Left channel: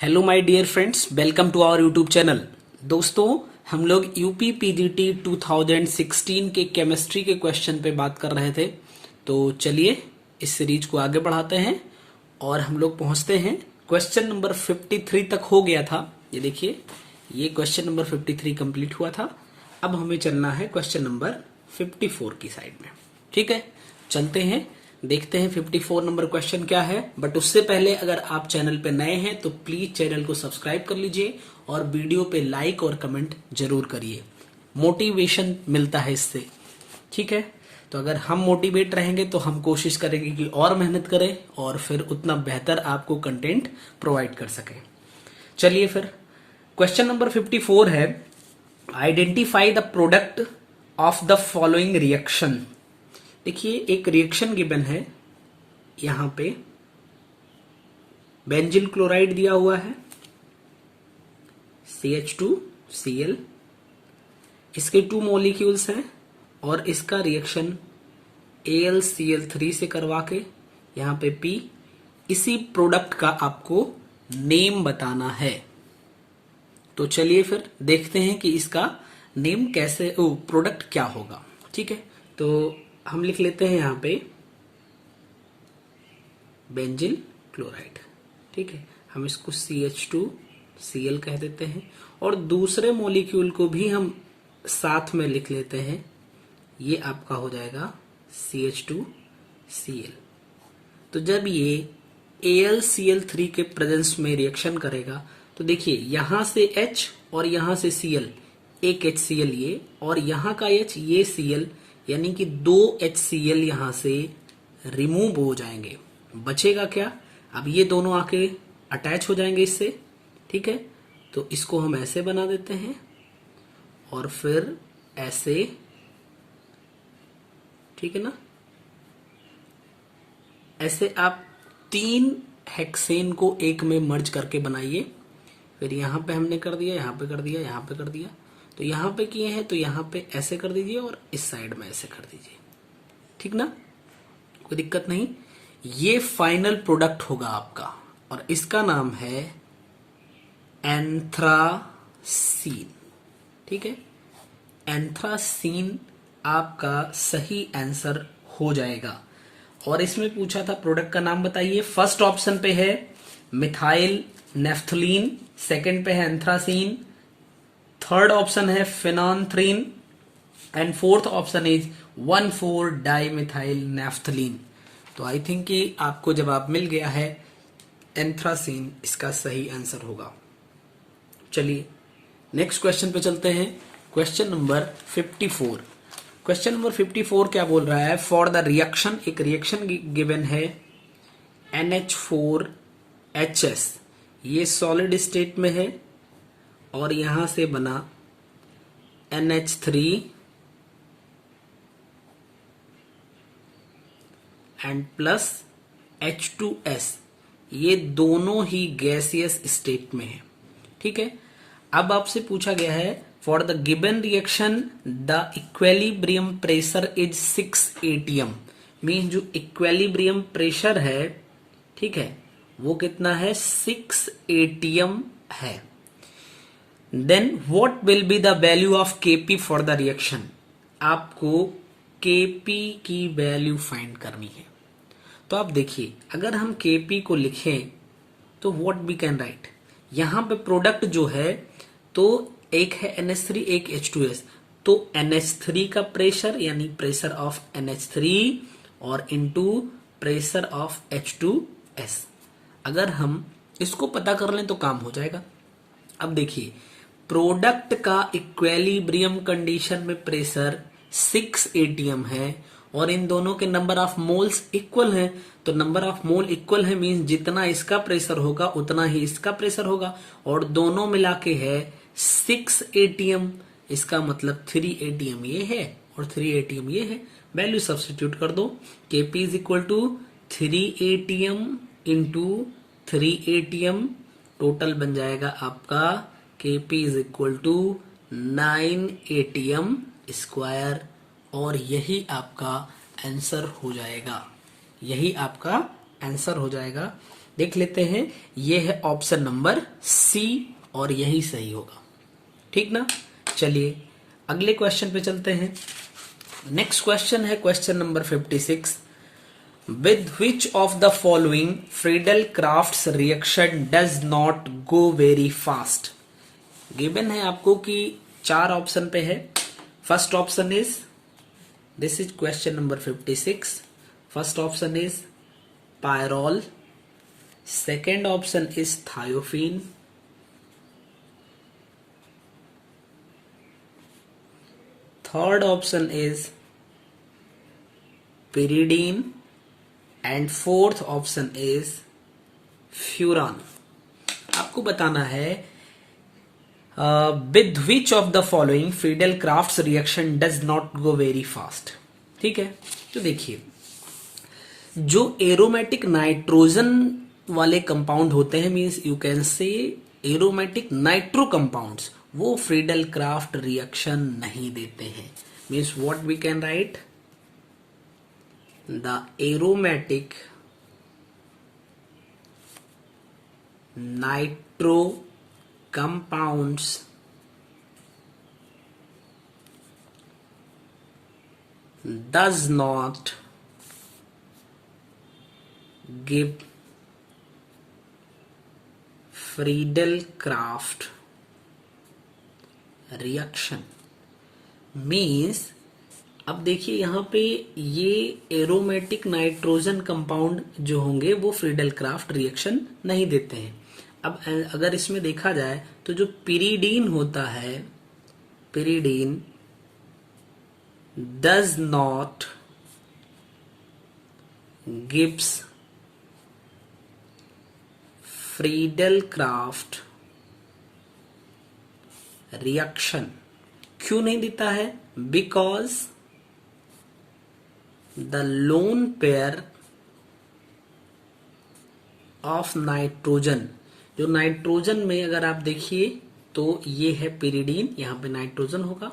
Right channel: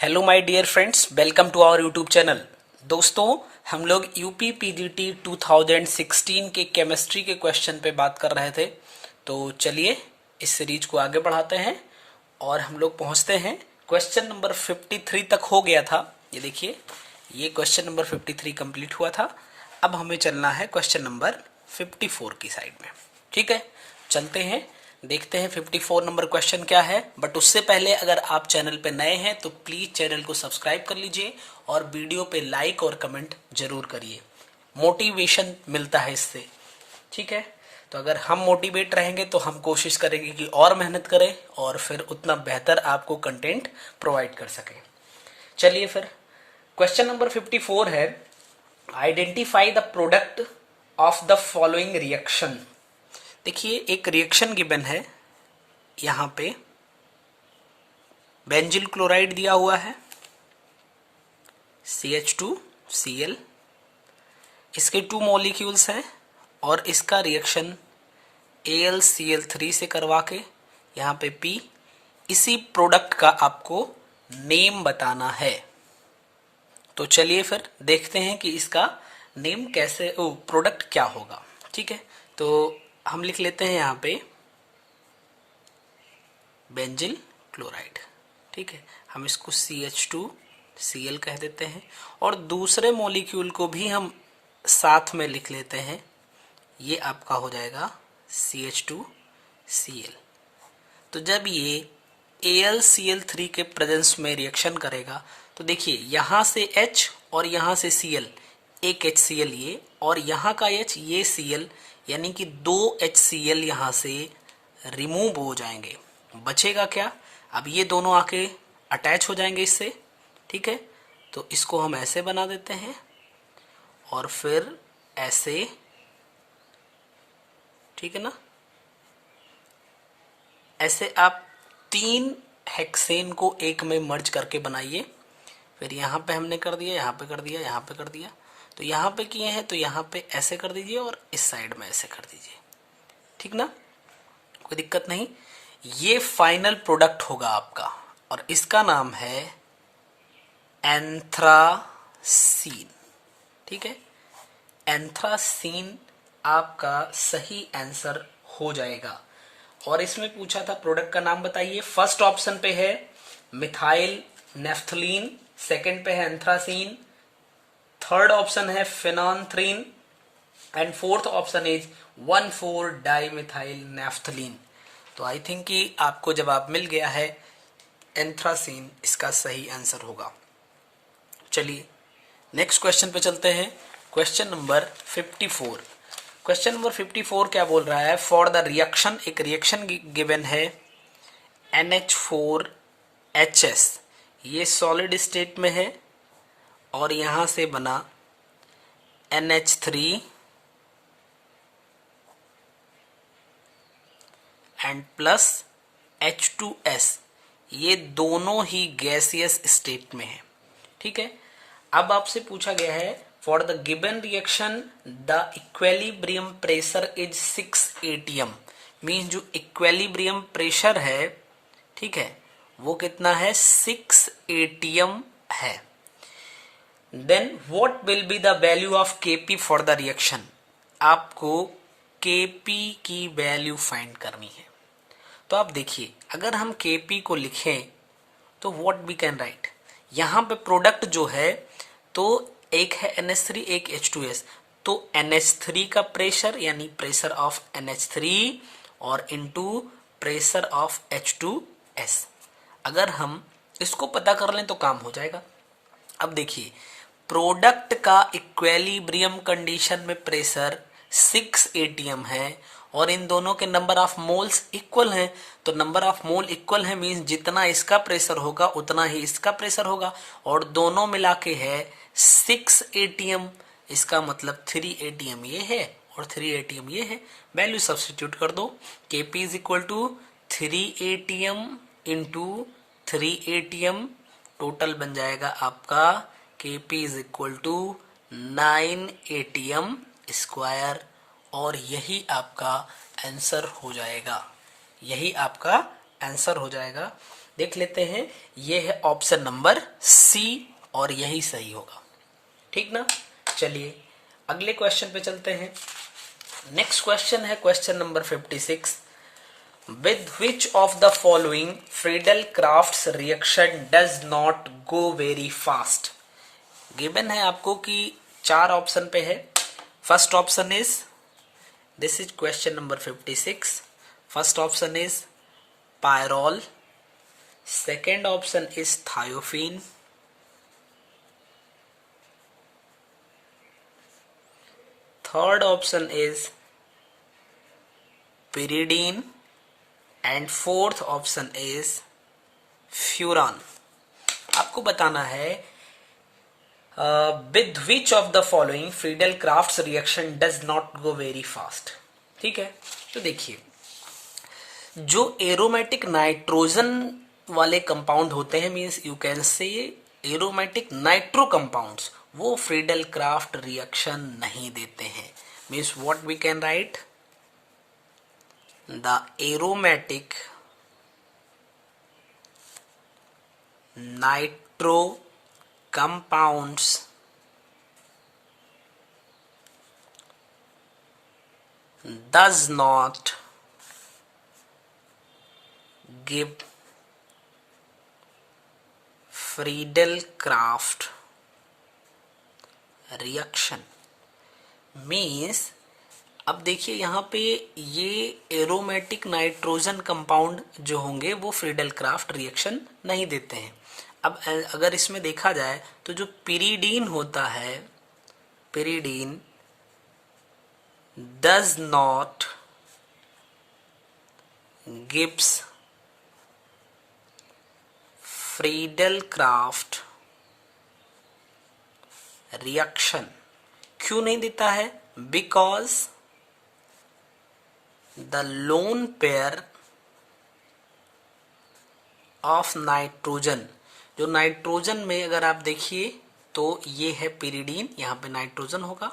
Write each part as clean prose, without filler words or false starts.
Hello my dear friends, welcome to our YouTube channel. दोस्तों, हम लोग यूपी पीजीटी 2016 के केमिस्ट्री के क्वेश्चन पे बात कर रहे थे। तो चलिए इस सीरीज को आगे बढ़ाते हैं और हम लोग पहुंचते हैं क्वेश्चन नंबर 53 तक। हो गया था, ये देखिए, ये क्वेश्चन नंबर 53 कंप्लीट हुआ था। अब हमें चलना है क्वेश्चन नंबर 54 की साइड में। ठीक है, चलते हैं, देखते हैं 54 नंबर क्वेश्चन क्या है। बट उससे पहले अगर आप चैनल पे नए हैं तो प्लीज चैनल को सब्सक्राइब कर लीजिए और वीडियो पे लाइक और कमेंट जरूर करिए, मोटिवेशन मिलता है इससे। ठीक है, तो अगर हम मोटिवेट रहेंगे तो हम कोशिश करेंगे कि और मेहनत करें और फिर उतना बेहतर आपको कंटेंट प्रोवाइड कर सकें। चलिए फिर, क्वेश्चन नंबर 54 है, identify the product of the following reaction. देखिए, एक रिएक्शन गिवन है, यहां पे बेंजिल क्लोराइड दिया हुआ है, CH2Cl, इसके 2 मॉलिक्यूल्स हैं और इसका रिएक्शन AlCl3 से करवा के यहां पे P, इसी प्रोडक्ट का आपको नेम बताना है। तो चलिए फिर देखते हैं कि इसका नेम कैसे, प्रोडक्ट क्या होगा। ठीक है, तो हम लिख लेते हैं यहां पे बेंजिल क्लोराइड। ठीक है, हम इसको CH2Cl कह देते हैं और दूसरे मॉलिक्यूल को भी हम साथ में लिख लेते हैं, ये आपका हो जाएगा CH2Cl। तो जब ये AlCl3 के प्रेजेंस में रिएक्शन करेगा तो देखिए, यहां से H और यहां से Cl, एक HCl ये और यहां का H, ये Cl, यानी कि 2 HCl यहां से रिमूव हो जाएंगे। बचेगा क्या? अब ये दोनों आके अटैच हो जाएंगे इससे। ठीक है, तो इसको हम ऐसे बना देते हैं और फिर ऐसे। ठीक है ना, ऐसे आप 3 हेक्सेन को एक में मर्ज करके बनाइए। फिर यहां पे हमने कर दिया, यहां पे कर दिया, यहां पे कर दिया, तो यहां पे किए हैं तो यहां पे ऐसे कर दीजिए और इस साइड में ऐसे कर दीजिए। ठीक ना, कोई दिक्कत नहीं। ये फाइनल प्रोडक्ट होगा आपका और इसका नाम है एंथ्रासीन। ठीक है, एंथ्रासीन आपका सही आंसर हो जाएगा। और इसमें पूछा था प्रोडक्ट का नाम बताइए। फर्स्ट ऑप्शन पे है मिथाइल नेफ्थलीन, सेकंड पे है एंथ्रासीन, थर्ड ऑप्शन है phenolphthalein and fourth option is 1,4 dimethyl naphthalene. तो आई थिंक कि आपको जवाब मिल गया है, एंथ्रासीन इसका सही आंसर होगा। चलिए नेक्स्ट क्वेश्चन पे चलते हैं, क्वेश्चन नंबर 54। क्वेश्चन नंबर 54 क्या बोल रहा है? फॉर द रिएक्शन, एक रिएक्शन गिवन है NH4HS, ये सॉलिड स्टेट में है और यहां से बना NH3 एंड प्लस H2S, ये दोनों ही गैसियस स्टेट में है। ठीक है, अब आपसे पूछा गया है for the given reaction the equilibrium pressure is 6 atm, means जो इक्विलिब्रियम प्रेशर है, ठीक है, वो कितना है? 6 atm है। Then what will be the value of Kp for the reaction? आपको Kp की वैल्यू फाइंड करनी है। तो आप देखिए, अगर हम Kp को लिखें तो व्हाट वी कैन राइट, यहां पे प्रोडक्ट जो है तो एक है NH3, एक H2S, तो NH3 का प्रेशर यानी प्रेशर ऑफ NH3 और इनटू प्रेशर ऑफ H2S, अगर हम इसको पता कर लें तो काम हो जाएगा। अब देखिए, प्रोडक्ट का इक्विलिब्रियम कंडीशन में प्रेशर 6 atm है और इन दोनों के नंबर ऑफ मोल्स इक्वल हैं, तो नंबर ऑफ मोल इक्वल है मींस जितना इसका प्रेशर होगा उतना ही इसका प्रेशर होगा और दोनों मिला के है 6 atm, इसका मतलब 3 atm ये है और 3 atm ये है। वैल्यू सब्स्टिट्यूट कर दो, Kp is equal to 3 atm into 3 atm, total बन जाएगा आपका Kp is equal to 9 atm square और यही आपका आंसर हो जाएगा, यही आपका आंसर हो जाएगा। देख लेते हैं, ये है ऑप्शन नंबर सी और यही सही होगा। ठीक ना, चलिए अगले क्वेश्चन पे चलते हैं। नेक्स्ट क्वेश्चन है question number 56। With which of the following Friedel crafts reaction does not go very fast. Given है आपको कि 4 ऑप्शन पे है। First option is, this is question number 56। First option is pyrrole, second option is thiophene, third option is pyridine and fourth option is furan. आपको बताना है with which of the following Friedel crafts reaction does not go very fast. ठीक है, तो देखिए जो aromatic nitrogen वाले compound होते हैं, means you can say aromatic nitro compounds, वो फ्रीडल क्राफ्ट रिएक्शन नहीं देते हैं। Means what we can write, the aromatic nitro compounds does not give Friedel-Crafts reaction। Means अब देखिए यहां पे ये एरोमेटिक नाइट्रोजन कंपाउंड जो होंगे वो फ्रीडल क्राफ्ट रिएक्शन नहीं देते हैं। अब अगर इसमें देखा जाए तो जो पिरीडीन होता है, pyridine does not gives Friedel Crafts reaction. क्यों नहीं देता है? Because the lone pair of nitrogen, जो नाइट्रोजन में अगर आप देखिए तो ये है पिरीडीन, यहां पे नाइट्रोजन होगा।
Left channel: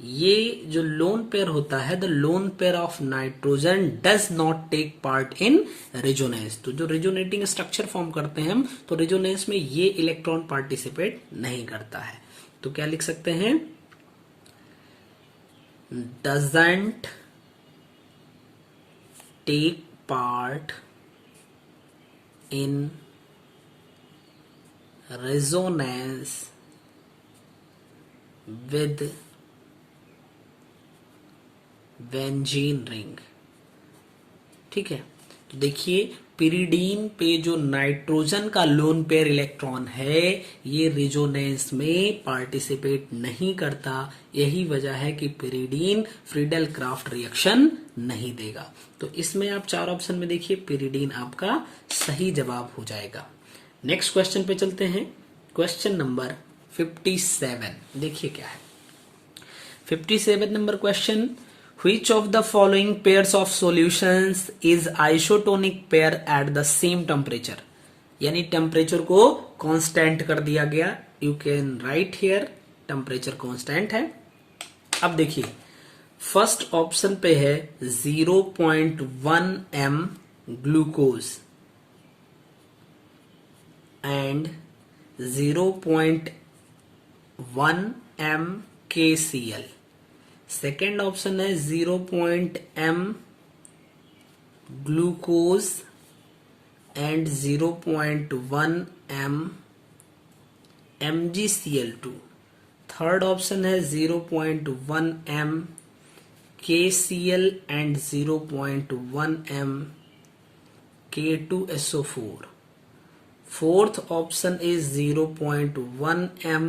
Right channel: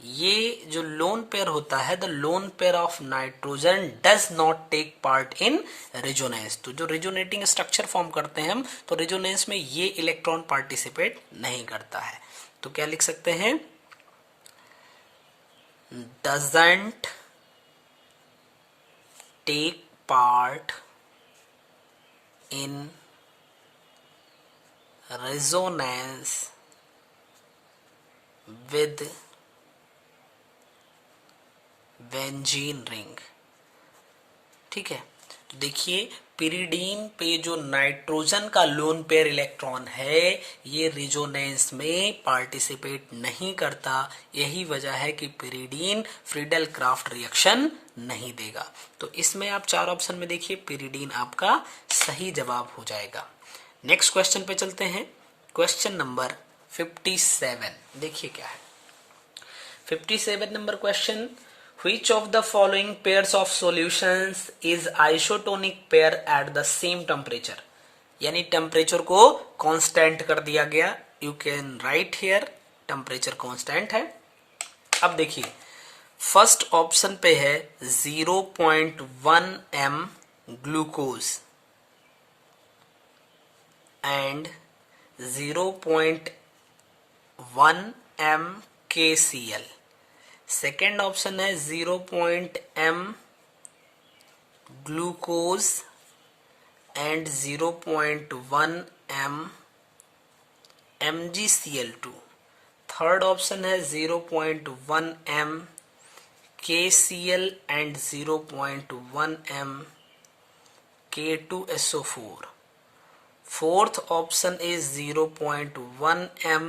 ये जो लोन पेयर होता है, the lone pair of nitrogen does not take part in resonance. तो जो रेजोनेटिंग स्ट्रक्चर फॉर्म करते हैं हम, तो रेजोनेंस में ये इलेक्ट्रॉन पार्टिसिपेट नहीं करता है। तो क्या लिख सकते हैं, doesn't take part in resonance with benzene ring। ठीक है, तो देखिए पिरीडीन पे जो नाइट्रोजन का लोन पेयर इलेक्ट्रॉन है, ये रेजोनेंस में पार्टिसिपेट नहीं करता। यही वजह है कि पिरीडीन फ्रीडल क्राफ्ट रिएक्शन नहीं देगा। तो इसमें आप 4 ऑप्शन में देखिए पिरीडीन आपका सही जवाब हो जाएगा। नेक्स्ट क्वेश्चन पे चलते हैं, क्वेश्चन नंबर 57। देखिए क्या है 57 number question. Which of the following pairs of solutions is isotonic pair at the same temperature? यानी टेम्परेचर को कांस्टेंट कर दिया गया। You can write here temperature constant है। अब देखिए फर्स्ट ऑप्शन पे है 0.1 m glucose and 0.1 m KCl। Second option है 0.m glucose and 0.1 m MgCl2। Third option है 0.1 m KCl and 0.1 m K2SO4। Fourth option is 0.1 m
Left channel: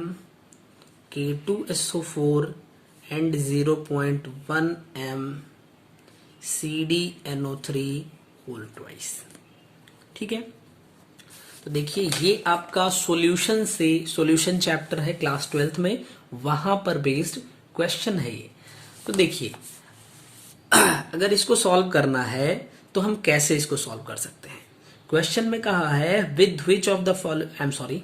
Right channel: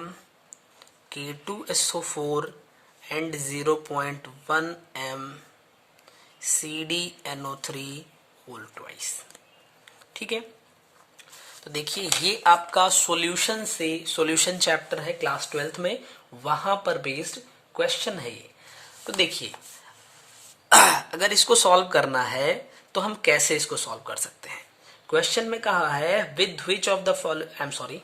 K2SO4 and 0.1 m CdNO3 whole twice. ठीक है, तो देखिए ये आपका सॉल्यूशन से, सॉल्यूशन चैप्टर है क्लास 12th में, वहां पर बेस्ड क्वेश्चन है ये। तो देखिए अगर इसको सॉल्व करना है तो हम कैसे इसको सॉल्व कर सकते हैं। क्वेश्चन में कहा है with which of the following,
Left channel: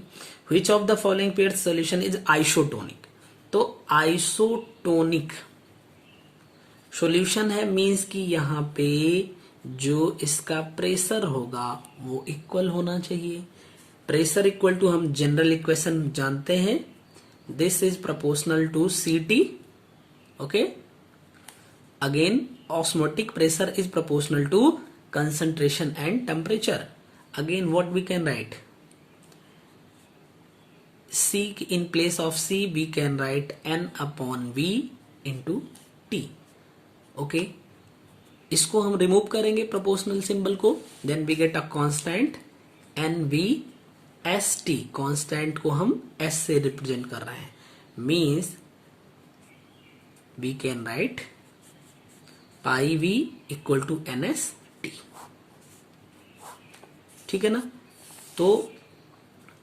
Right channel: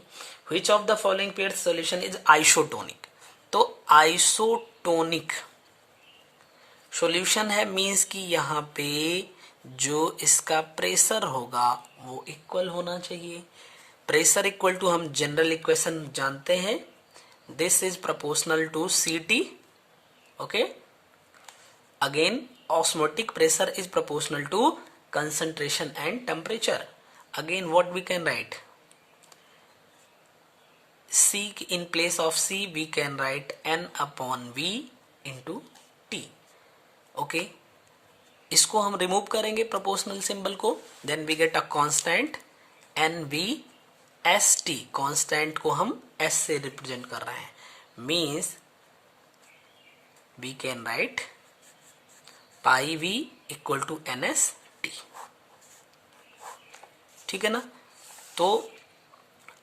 which of the following pair solution is isotonic. तो आइसोटोनिक सॉल्यूशन है मींस कि यहां पे जो इसका प्रेशर होगा वो इक्वल होना चाहिए। प्रेशर इक्वल टू हम जनरल इक्वेशन जानते हैं, this is proportional to Ct। ओके, again osmotic pressure is proportional to concentration and temperature. Again what we can write, C in place of C we can write N upon V into T. Okay, इसको हम remove करेंगे proportional symbol को, then we get a constant NVST। Constant को हम S से represent कर रहे हैं, means we can write pi V equal to NST। ठीक है ना। तो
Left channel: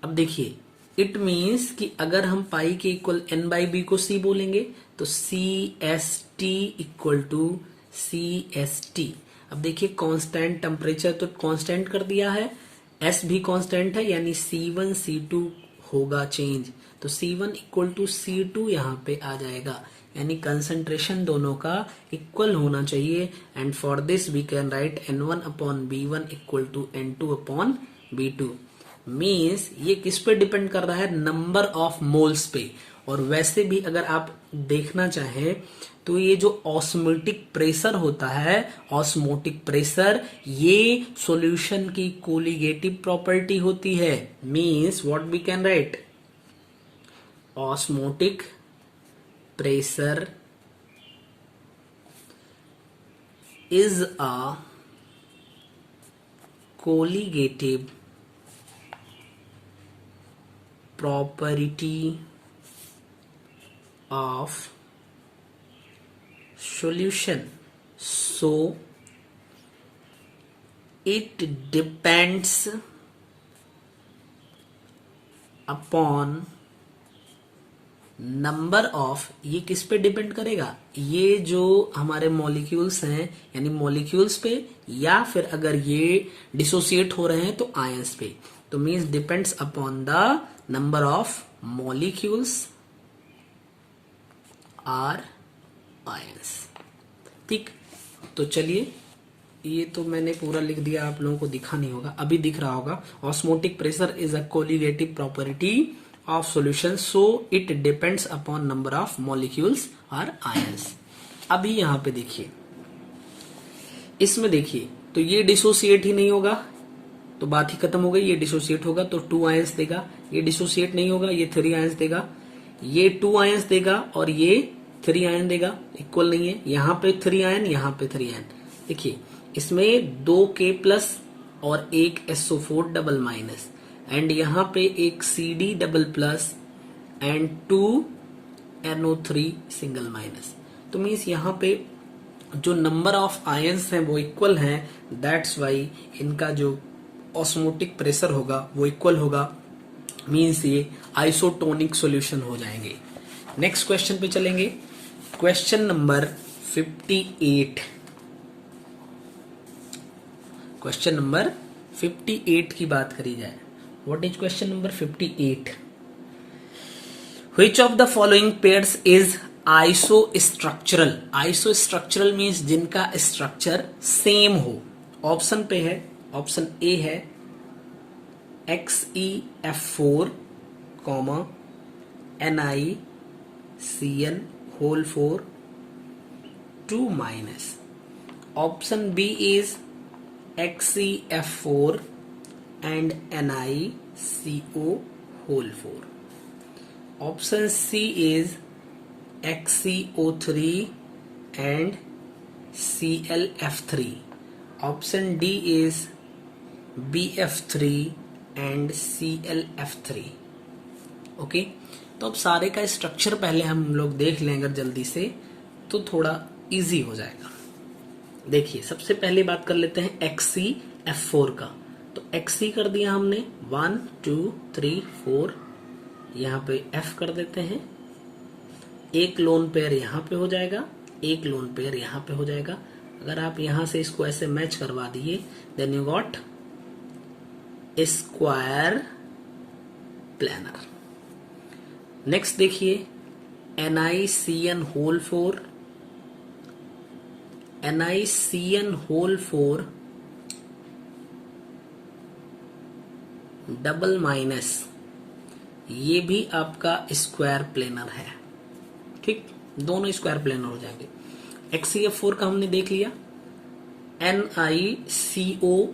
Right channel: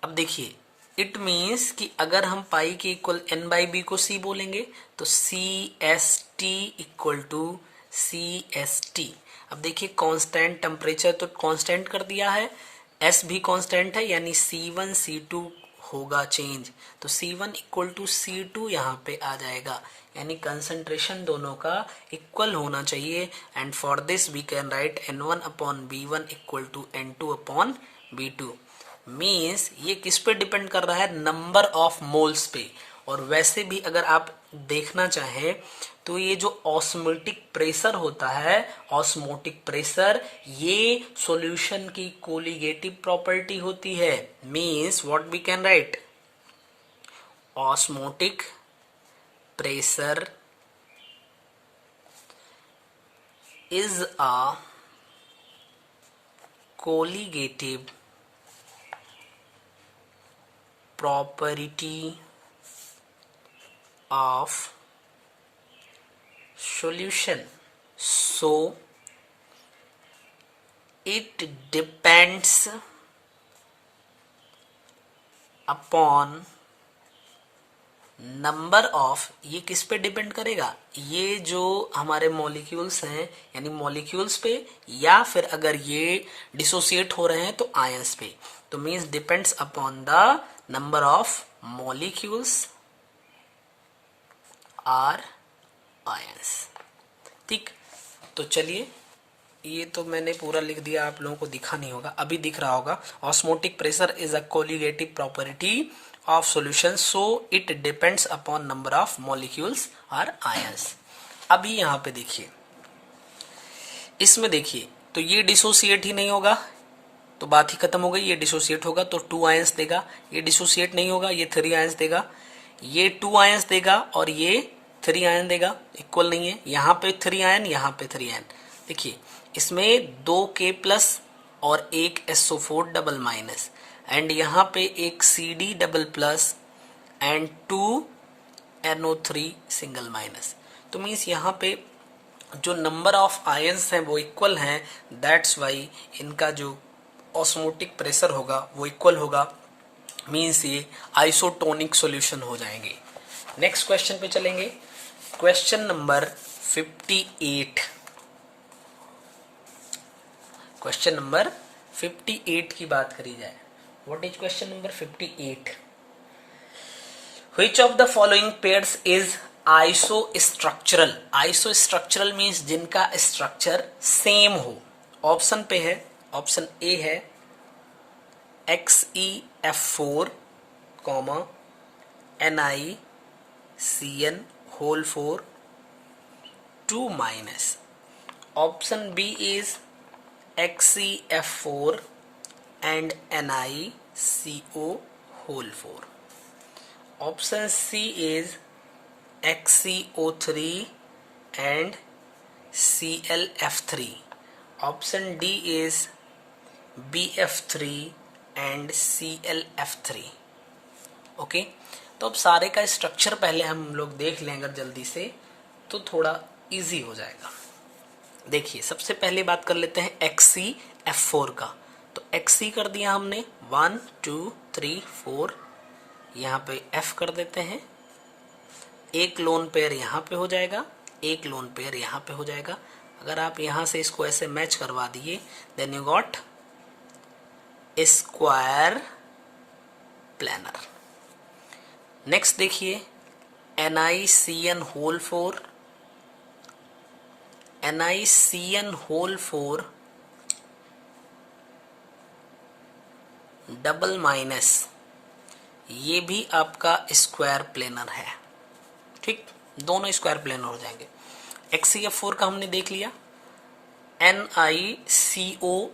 अब देखिए, इट मीन्स कि अगर हम पाई के इक्वल N/B को C बोलेंगे तो CST इक्वल टू CST। अब देखिए कांस्टेंट टेम्परेचर तो कांस्टेंट कर दिया है, S भी कांस्टेंट है, यानी C1 C2 होगा चेंज, तो C1 इक्वल टू C2 यहाँ पे आ जाएगा, यानी कंसंट्रेशन दोनों का इक्वल होना चाहिए। And for this we can write N1 upon B1 equal to N2 upon B2। Means ये किस पे डिपेंड कर रहा है, नंबर ऑफ मोल्स पे। और वैसे भी अगर आप देखना चाहें तो ये जो ऑस्मोटिक प्रेशर होता है, ऑस्मोटिक प्रेशर ये सॉल्यूशन की कोलिगेटिव प्रॉपर्टी होती है। Means what we can write, osmotic pressure is a colligative property of solution, so it depends upon number of, ये किस पे डिपेंड करेगा, ये जो हमारे मॉलिक्यूल्स हैं यानी मॉलिक्यूल्स पे, या फिर अगर ये डिसोसिएट हो रहे हैं तो आयंस पे। तो means depends upon the number of molecules or ions. ठीक, तो चलिए, ये तो मैंने पूरा लिख दिया, आप लोगों को दिखा नहीं होगा, अभी दिख रहा होगा। Osmotic pressure is a colligative property of solution, so it depends upon number of molecules or ions। अभी यहां पे देखिए, इसमें देखिए तो ये डिसोसिएट ही नहीं होगा तो बात ही खत्म हो गई। ये डिसोसिएट होगा तो 2 आयंस देगा, ये डिसोसिएट नहीं होगा ये 3 आयंस देगा, ये 2 आयंस देगा और ये 3 आयन देगा, इक्वल नहीं है। यहाँ पे 3 आयन, यहाँ पे 3 आयन। देखिए इसमें 2K प्लस और एक SO4 डबल माइनस, एंड यहाँ पे एक CD double plus and 2 NO3 single minus. तो मीन्स यहाँ पे जो नंबर ऑफ आयंस हैं वो इक्वल हैं, दैट्स वाई इनका जो ऑस्मोटिक प्रेशर होगा वो इक्वल होगा, मीन्स ये आइसोटोनिक सॉल्यूशन हो जाएंगे। नेक्स्ट क्वेश्चन पे चलेंगे, क्वेश्चन नंबर 58। क्वेश्चन नंबर 58 की बात करी जाए, what is question number 58? Which of the following pairs is isostructural? Isostructural means जिनका स्ट्रक्चर सेम हो। ऑप्शन पे है, ऑप्शन ए है XeF4, NiCN whole 4 2 minus. Option B is XeF4 and NiCO whole 4. Option C is XeO3 and ClF3. Option D is BF3 and ClF3. Okay, तो अब सारे का structure पहले हम लोग देख लें अगर जल्दी से, तो थोड़ा इजी हो जाएगा। देखिए सबसे पहले बात कर लेते हैं XeF4 का। तो Xe कर दिया हमने 1 2 3 4, यहाँ पे F कर देते हैं, एक लोन पेयर यहाँ पे हो जाएगा, एक लोन पेयर यहाँ पे हो जाएगा। अगर आप यहाँ से इसको ऐसे मैच करवा दिए, then you got square planar. Next देखिए NiCN whole 4 NiCN whole 4 double minus, ये भी आपका स्क्वायर प्लेनर है। ठीक, दोनों स्क्वायर प्लेनर हो जाएंगे। HCF4 का हमने देख लिया, NiCO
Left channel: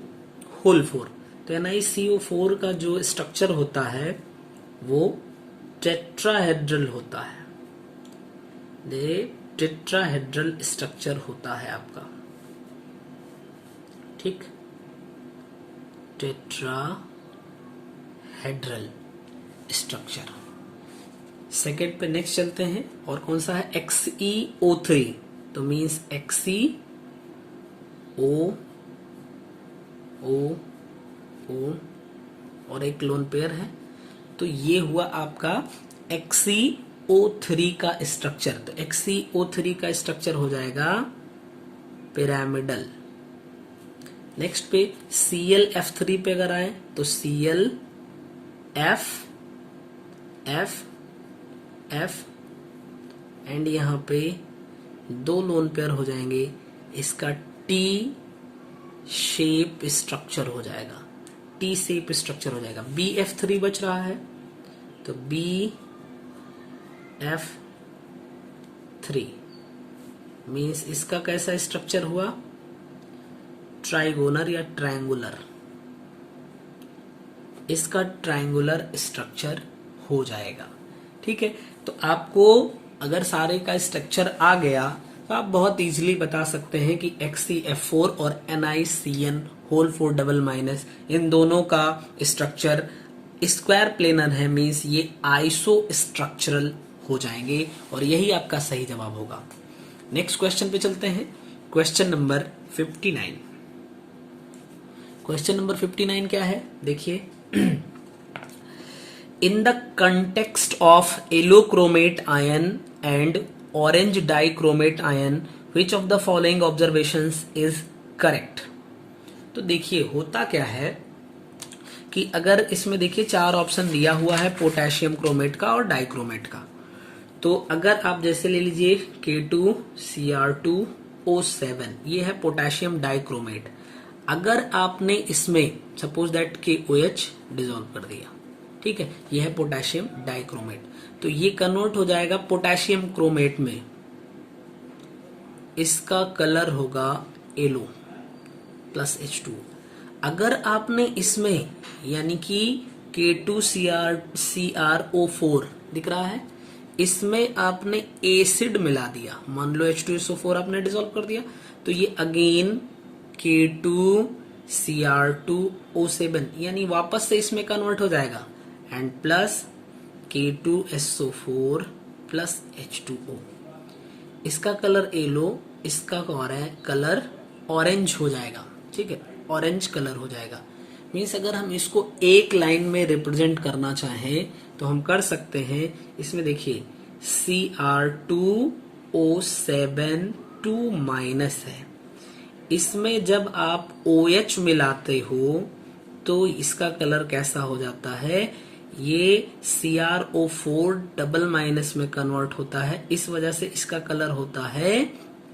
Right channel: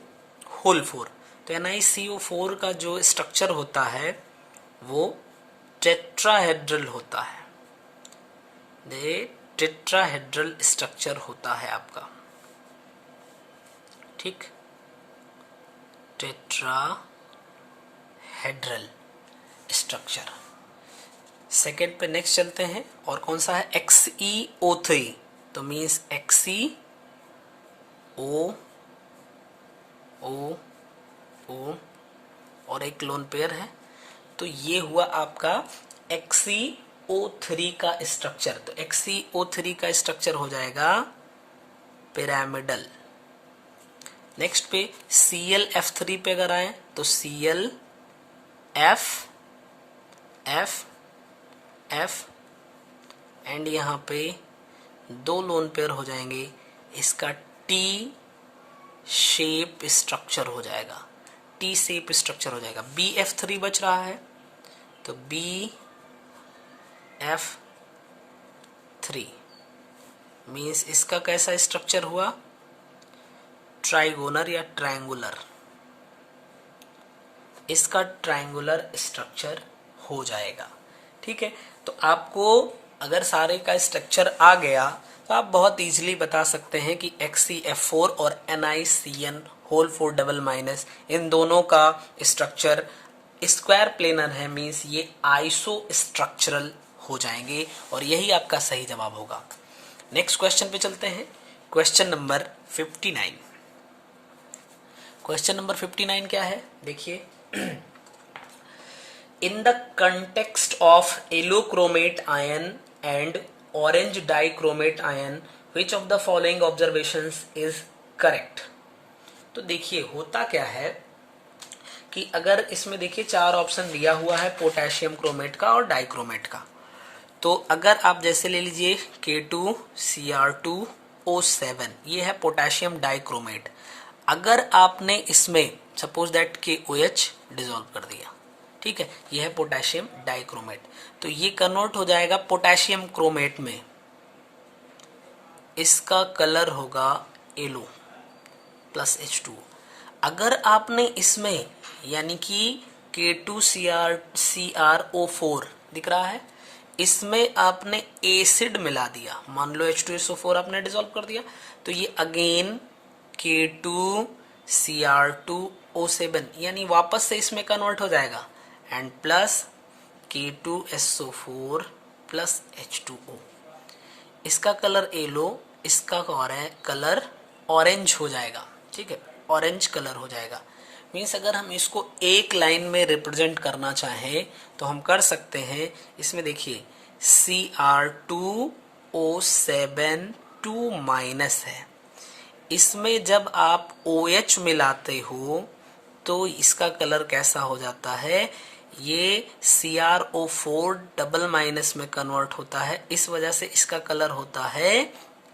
होल 4, तो NiCO4 का जो स्ट्रक्चर होता है वो टेट्राहेड्रल होता है, ये टेट्राहेड्रल स्ट्रक्चर होता है आपका। ठीक, टेट्राहेड्रल स्ट्रक्चर। सेकेंड पे नेक्स्ट चलते हैं, और कौन सा है, XeO3, तो मीन्स XeO और एक लोन पेयर है, तो ये हुआ आपका XeO3 का स्ट्रक्चर। तो XeO3 का स्ट्रक्चर हो जाएगा पिरामिडल। नेक्स्ट पे ClF3 पे अगर आए तो ClF एंड यहाँ पे दो लोन पेयर हो जाएंगे, इसका T शेप स्ट्रक्चर हो जाएगा, T शेप स्ट्रक्चर हो जाएगा। BF3 बच रहा है, तो BF3 मीन्स इसका कैसा स्ट्रक्चर हुआ, ट्राइगोनल या ट्रायंगुलर, इसका ट्रायंगुलर स्ट्रक्चर हो जाएगा। ठीक है, तो आपको अगर सारे का स्ट्रक्चर आ गया तो आप बहुत इजीली बता सकते हैं कि XeF4 और NiCN होल 4 डबल माइनस, इन दोनों का स्ट्रक्चर स्क्वायर प्लेनर है, मीन्स ये आइसो स्ट्रक्चरल हो जाएंगे, और यही आपका सही जवाब होगा। नेक्स्ट क्वेश्चन पे चलते हैं, क्वेश्चन नंबर 59। क्वेश्चन नंबर 59 क्या है, देखिए, in the context of yellow chromate ion and orange dichromate ion, which of the following observations is correct? तो देखिए होता क्या है कि अगर इसमें देखिए चार ऑप्शन दिया हुआ है पोटेशियम क्रोमेट का और डाइक्रोमेट का, तो अगर आप जैसे ले लीजिए K2Cr2O7, ये है पोटेशियम डाइक्रोमेट। अगर आपने इसमें सपोज दैट KOH डिसॉल्व कर दिया, ठीक है, ये है पोटेशियम डाइक्रोमेट, तो ये कन्वर्ट हो जाएगा पोटेशियम क्रोमेट में, इसका कलर होगा येलो प्लस H2। अगर आपने इसमें यानी कि K2CrO4 दिख रहा है, इसमें आपने एसिड मिला दिया, मान लो H2SO4 आपने डिसॉल्व कर दिया, तो ये अगेन K2Cr2O7 यानी वापस से इसमें कन्वर्ट हो जाएगा, and plus K2SO4 plus H2O, इसका कलर येलो, इसका कलर ऑरेंज हो जाएगा। ठीक है, ऑरेंज कलर हो जाएगा। मीन्स अगर हम इसको एक लाइन में रिप्रेजेंट करना चाहें तो हम कर सकते हैं। इसमें देखिए Cr2O7 2 माइनस है, इसमें जब आप OH मिलाते हो तो इसका कलर कैसा हो जाता है, ये CrO4 डबल माइनस में कन्वर्ट होता है, इस वजह से इसका कलर होता है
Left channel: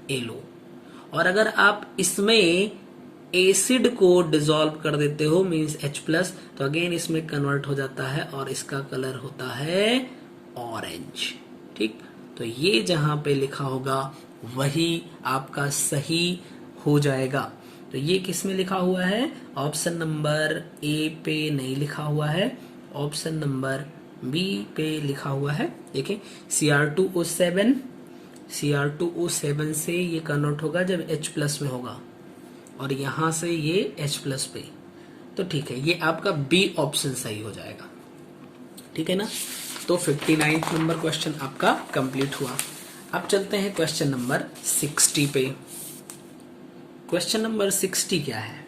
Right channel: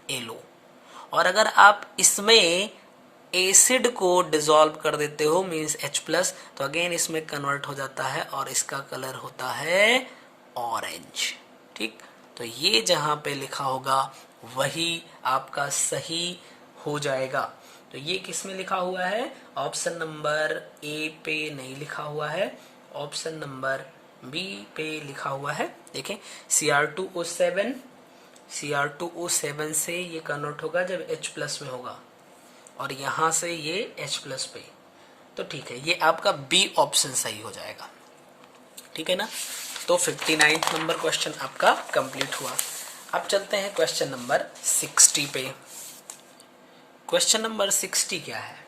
येलो। और अगर आप इसमें एसिड को डिसॉल्व कर देते हो मींस H+, तो अगेन इसमें कन्वर्ट हो जाता है और इसका कलर होता है ऑरेंज। ठीक, तो ये जहां पे लिखा होगा वही आपका सही हो जाएगा। तो ये किस में लिखा हुआ है, ऑप्शन नंबर ए पे नहीं लिखा हुआ है, ऑप्शन नंबर बी पे लिखा हुआ है। देखें Cr2O7 से ये कन्वर्ट होगा जब H+ में होगा, और यहां से ये H+ पे, तो ठीक है, ये आपका बी ऑप्शन सही हो जाएगा। ठीक है ना, तो 59 नंबर क्वेश्चन आपका कंप्लीट हुआ। अब चलते हैं क्वेश्चन नंबर 60 पे। क्वेश्चन नंबर 60 क्या है,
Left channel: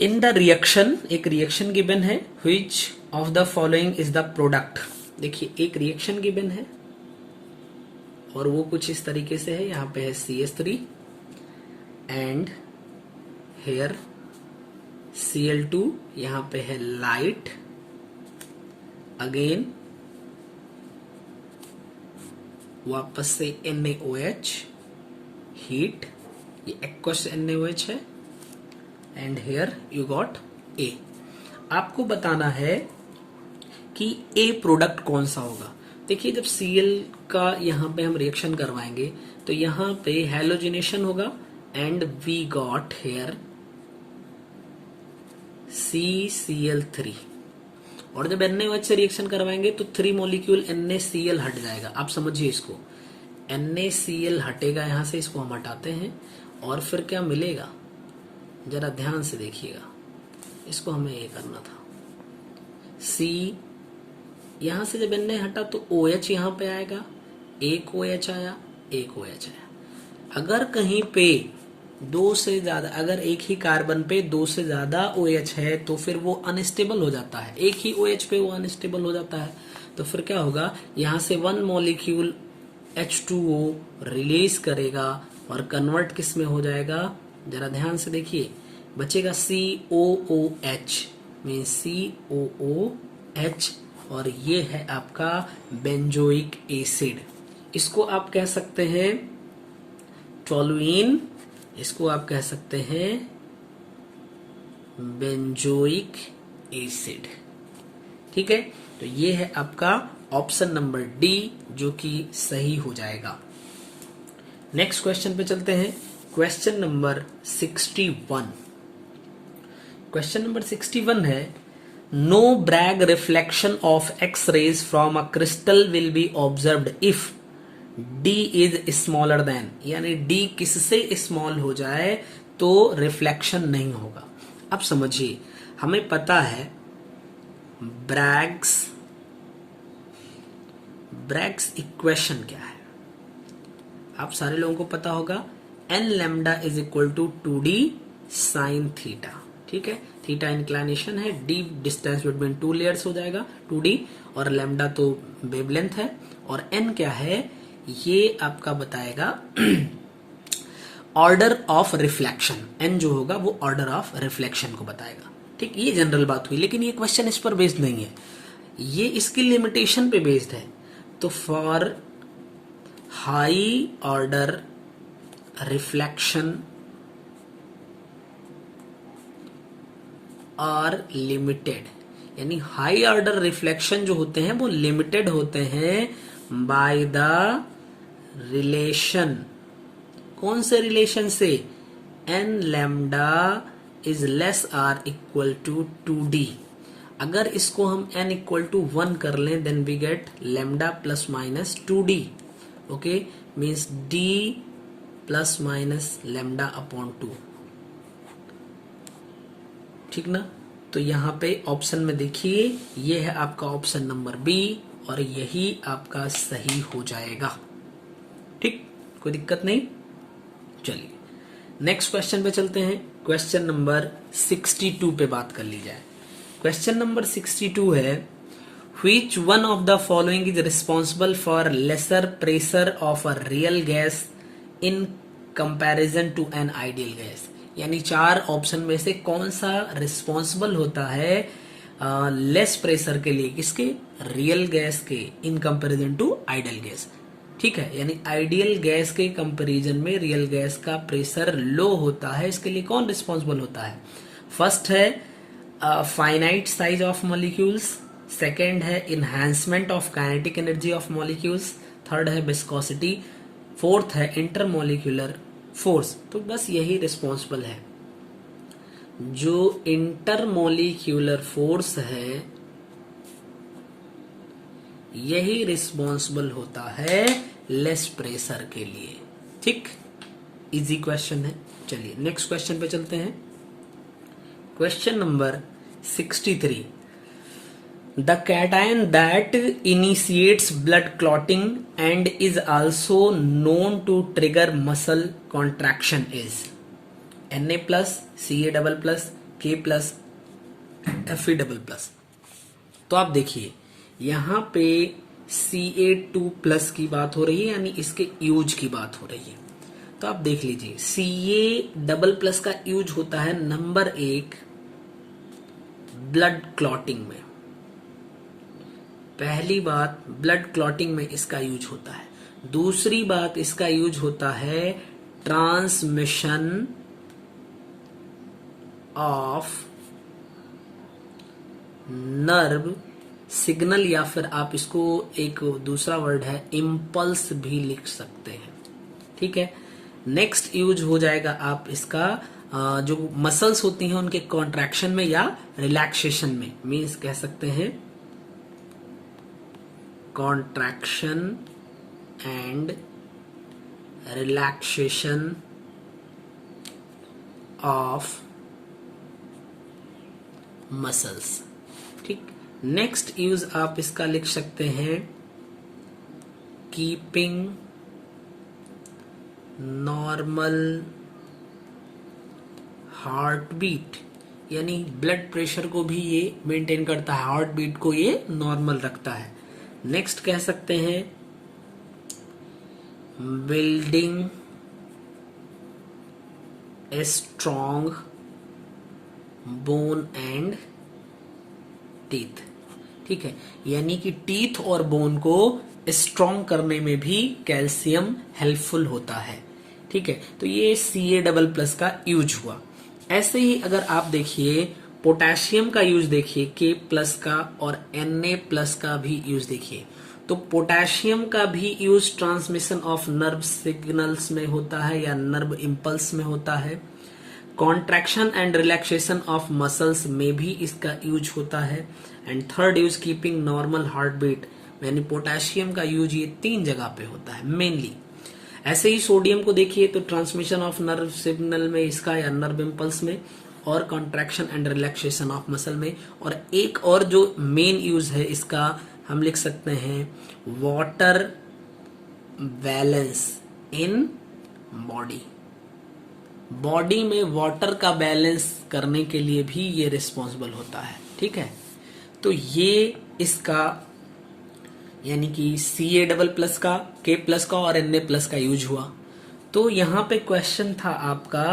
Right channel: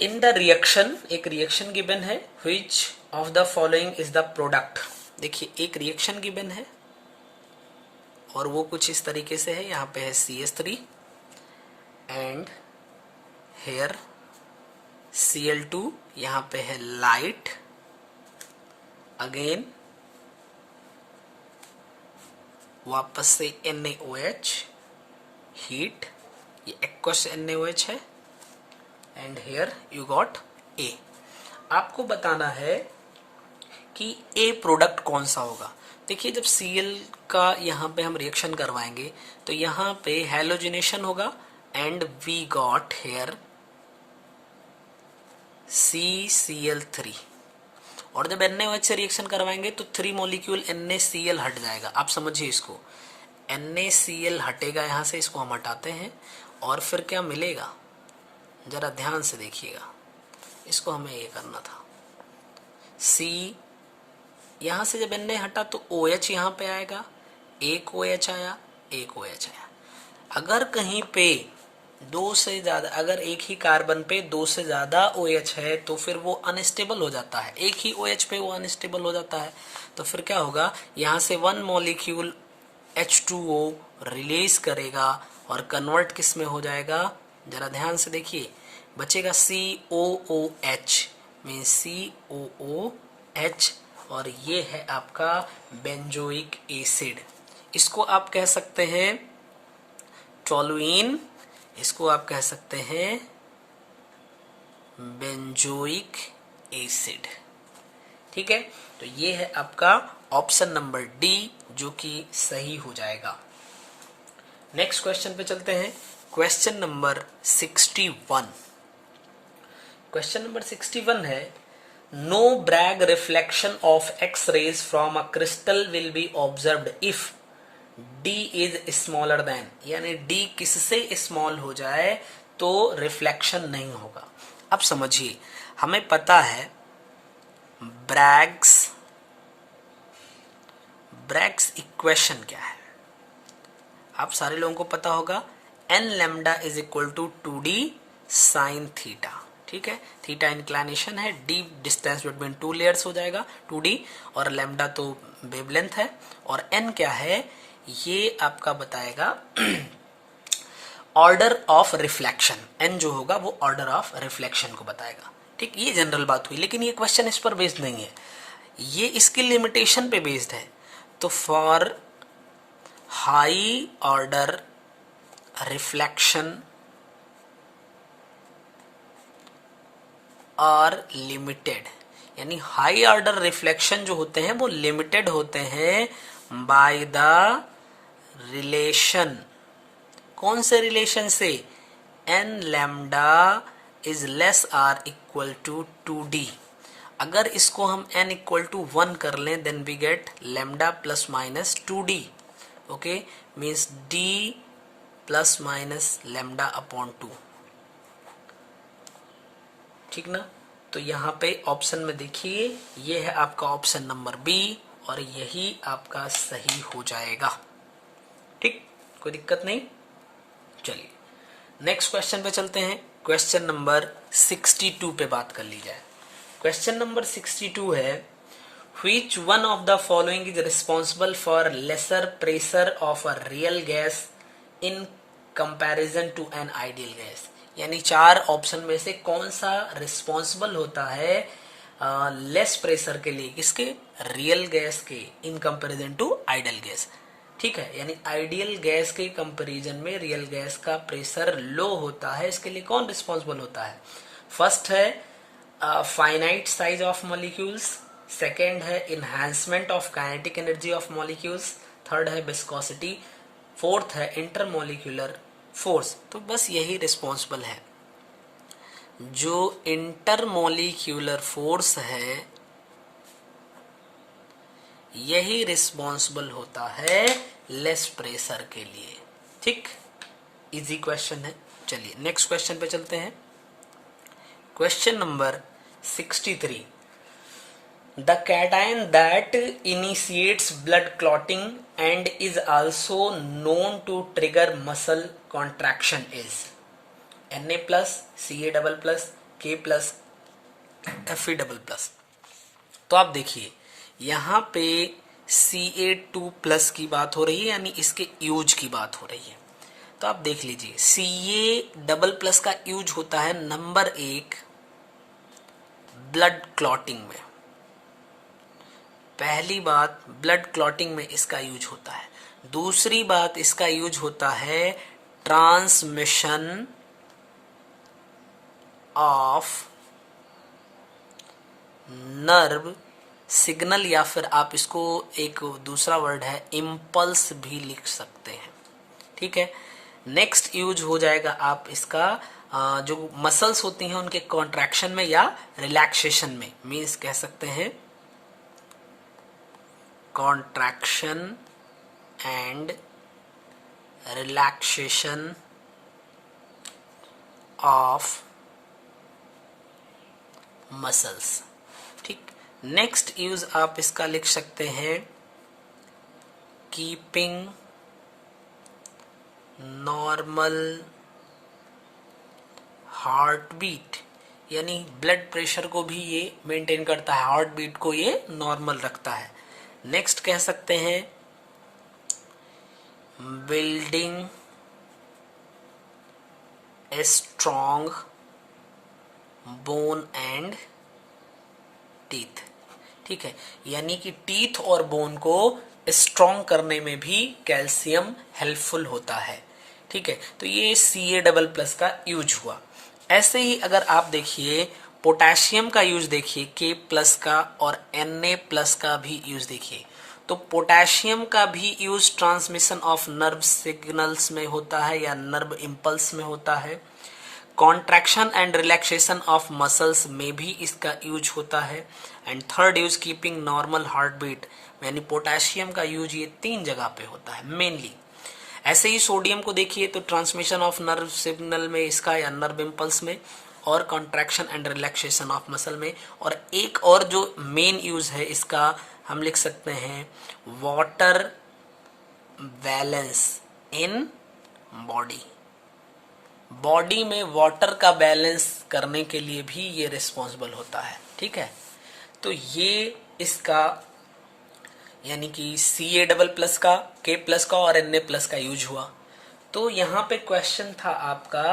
इन द रिएक्शन, एक रिएक्शन गिवन है, which of the following is the product. देखिए एक रिएक्शन गिवन है और वो कुछ इस तरीके से है, यहाँ पे है CH3 एंड हेयर Cl2, यहाँ पे है लाइट, अगेन वापस से NaOH, हीट, ये एक्वस NaOH है, and here you got A। आपको बताना है कि A प्रोडक्ट कौन सा होगा। देखिए जब Cl का यहाँ पे हम रिएक्शन करवाएंगे तो यहाँ पे हैलोजिनेशन होगा and we got hair CCl3, और जब NaOH से रिएक्शन करवाएंगे तो 3 मॉलिक्यूल NaCl हट जाएगा। आप समझिए इसको, NaCl हटेगा यहाँ से, इसको हम हटाते हैं और फिर क्या मिलेगा, जरा ध्यान से देखिएगा, इसको हमें ये करना था। C यहाँ से जब Na हटा तो OH यहाँ पे आएगा, एक OH आया, एक OH आया। अगर कहीं पे दो से ज्यादा, अगर एक ही कार्बन पे दो से ज्यादा OH है तो फिर वो अनस्टेबल हो जाता है, एक ही OH पे वो अनस्टेबल हो जाता है। तो फिर क्या होगा, यहाँ से 1 मॉलिक्यूल H2O रिलीज करेगा और कन्वर्ट किस में हो जाएगा, जरा ध्यान से देखिए, बचेगा COOH, मीन COOH, और ये है आपका बेंजोइक एसिड। इसको आप कह सकते हैं टोलुइन, इसको आप कह सकते हैं बेंजोइक एसिड। ठीक है, तो ये है आपका ऑप्शन नंबर डी जो कि सही हो जाएगा। नेक्स्ट क्वेश्चन पे चलते हैं, क्वेश्चन नंबर 61। क्वेश्चन नंबर 61 है, no Bragg reflection of X rays from a crystal will be observed if D is smaller than, यानी D किससे स्मॉल हो जाए तो रिफ्लेक्शन नहीं होगा। अब समझिए, हमें पता है ब्रैग्स इक्वेशन क्या है, आप सारे लोगों को पता होगा, n lambda is equal to 2D sine theta. ठीक है, थीटा इंक्लिनेशन है, D डिस्टेंस बिटवीन 2 लेयर्स हो जाएगा 2D, और लैम्डा तो वेवलेंथ है, और n क्या है, ये आपका बताएगा ऑर्डर ऑफ रिफ्लेक्शन। n जो होगा वो ऑर्डर ऑफ रिफ्लेक्शन को बताएगा। ठीक, ये जनरल बात हुई, लेकिन ये क्वेश्चन इस पर बेस्ड नहीं है, ये इसकी लिमिटेशन पे बेस्ड है। तो for high order reflection are limited, यानी हाई ऑर्डर रिफ्लेक्शन जो होते हैं वो लिमिटेड होते हैं बाय द रिलेशन। कौन से रिलेशन से, n lambda is less or equal to 2D। अगर इसको हम n इक्वल टू 1 कर लें then we get lambda plus minus 2D। Okay, means D plus minus lambda upon 2। ठीक ना, तो यहाँ पे ऑप्शन में देखिए, ये है आपका ऑप्शन नंबर बी, और यही आपका सही हो जाएगा। ठीक, कोई दिक्कत नहीं। चलिए नेक्स्ट क्वेश्चन पे चलते हैं, क्वेश्चन नंबर 62 पे बात कर ली जाए। क्वेश्चन नंबर 62 है, which one of the following is responsible for lesser pressure of a real gas in comparison to an ideal gas, यानी 4 ऑप्शन में से कौन सा रिस्पॉन्सिबल होता है लेस प्रेशर के लिए, किसके, रियल गैस के, in comparison to ideal gas. ठीक है, यानी आइडियल गैस के कंपैरिजन में रियल गैस का प्रेशर लो होता है, इसके लिए कौन रिस्पॉन्सिबल होता है। फर्स्ट है finite size of molecules, second है enhancement of kinetic energy of molecules, third है विस्कोसिटी, फोर्थ है इंटरमॉलिक्यूलर फोर्स। तो बस यही रिस्पॉन्सिबल है, जो इंटरमॉलिक्यूलर फोर्स है यही रिस्पॉन्सिबल होता है लेस प्रेशर के लिए। ठीक, इजी क्वेश्चन है। चलिए नेक्स्ट क्वेश्चन पे चलते हैं, question number 63। The cation that initiates blood clotting and is also known to trigger muscle contraction is Na plus, Ca double plus, K plus, Fe double plus. तो आप देखिए यहाँ पे Ca2 प्लस की बात हो रही है, यानी इसके यूज की बात हो रही है। तो आप देख लीजिए, Ca डबल प्लस का यूज होता है नंबर 1 ब्लड क्लॉटिंग में। पहली बात, ब्लड क्लॉटिंग में इसका यूज होता है। दूसरी बात, इसका यूज होता है ट्रांसमिशन ऑफ नर्व सिग्नल, या फिर आप इसको एक दूसरा वर्ड है इम्पल्स भी लिख सकते हैं। ठीक है, नेक्स्ट यूज हो जाएगा आप इसका जो मसल्स होती हैं उनके कॉन्ट्रैक्शन में या रिलैक्सेशन में, मीन्स कह सकते हैं contraction and relaxation of muscles. ठीक, नेक्स्ट यूज आप इसका लिख सकते हैं कीपिंग नॉर्मल हार्ट बीट, यानी ब्लड प्रेशर को भी ये मेंटेन करता है, हार्ट बीट को ये नॉर्मल रखता है। नेक्स्ट कह सकते हैं building a strong bone and teeth. ठीक है, यानी कि टीथ और बोन को स्ट्रॉन्ग करने में भी कैल्शियम हेल्पफुल होता है। ठीक है, तो ये Ca++ का यूज हुआ। ऐसे ही अगर आप देखिए पोटेशियम का यूज देखिए K+ का, और Na+ का भी यूज देखिए, तो पोटेशियम का भी use transmission of nerve signals में होता है या नर्व इम्पल्स में होता है। Contraction and relaxation of muscles में भी इसका यूज होता है। And third use keeping normal heart beat, यानी पोटेशियम का यूज ये 3 जगह पे होता है मेनली। ऐसे ही सोडियम को देखिए तो ट्रांसमिशन ऑफ नर्व सिग्नल में इसका या नर्व इम्पल्स में, और contraction and relaxation of muscle में। और एक और जो मेन यूज है इसका हम लिख सकते हैं water balance in body. Body में वाटर का बैलेंस करने के लिए भी ये रिस्पॉन्सिबल होता है। ठीक है, तो ये इसका यानी कि Ca++ का, K+ का और Na+ का यूज हुआ। तो यहाँ पे क्वेश्चन था आपका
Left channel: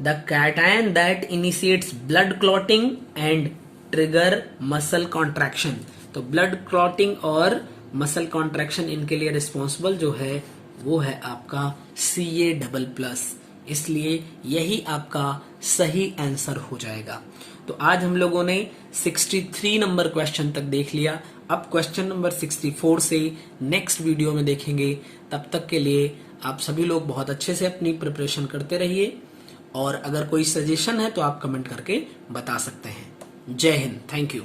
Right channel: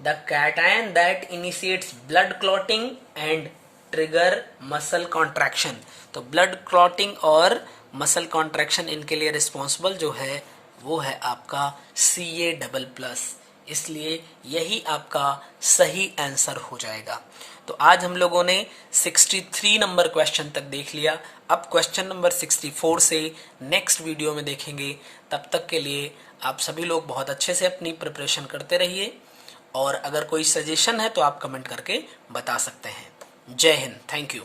the cation that initiates blood clotting and trigger muscle contraction. तो ब्लड क्लॉटिंग और मसल कॉन्ट्रैक्शन इनके लिए रिस्पॉन्सिबल जो है वो है आपका Ca++, इसलिए यही आपका सही आंसर हो जाएगा। तो आज हम लोगों ने 63 नंबर क्वेश्चन तक देख लिया। अब क्वेश्चन नंबर 64 से नेक्स्ट वीडियो में देखेंगे। तब तक के लिए आप सभी लोग बहुत अच्छे से अपनी प्रिपरेशन करते रहिए, और अगर कोई सजेशन है तो आप कमेंट करके बता सकते हैं। जय हिंद, थैंक यू।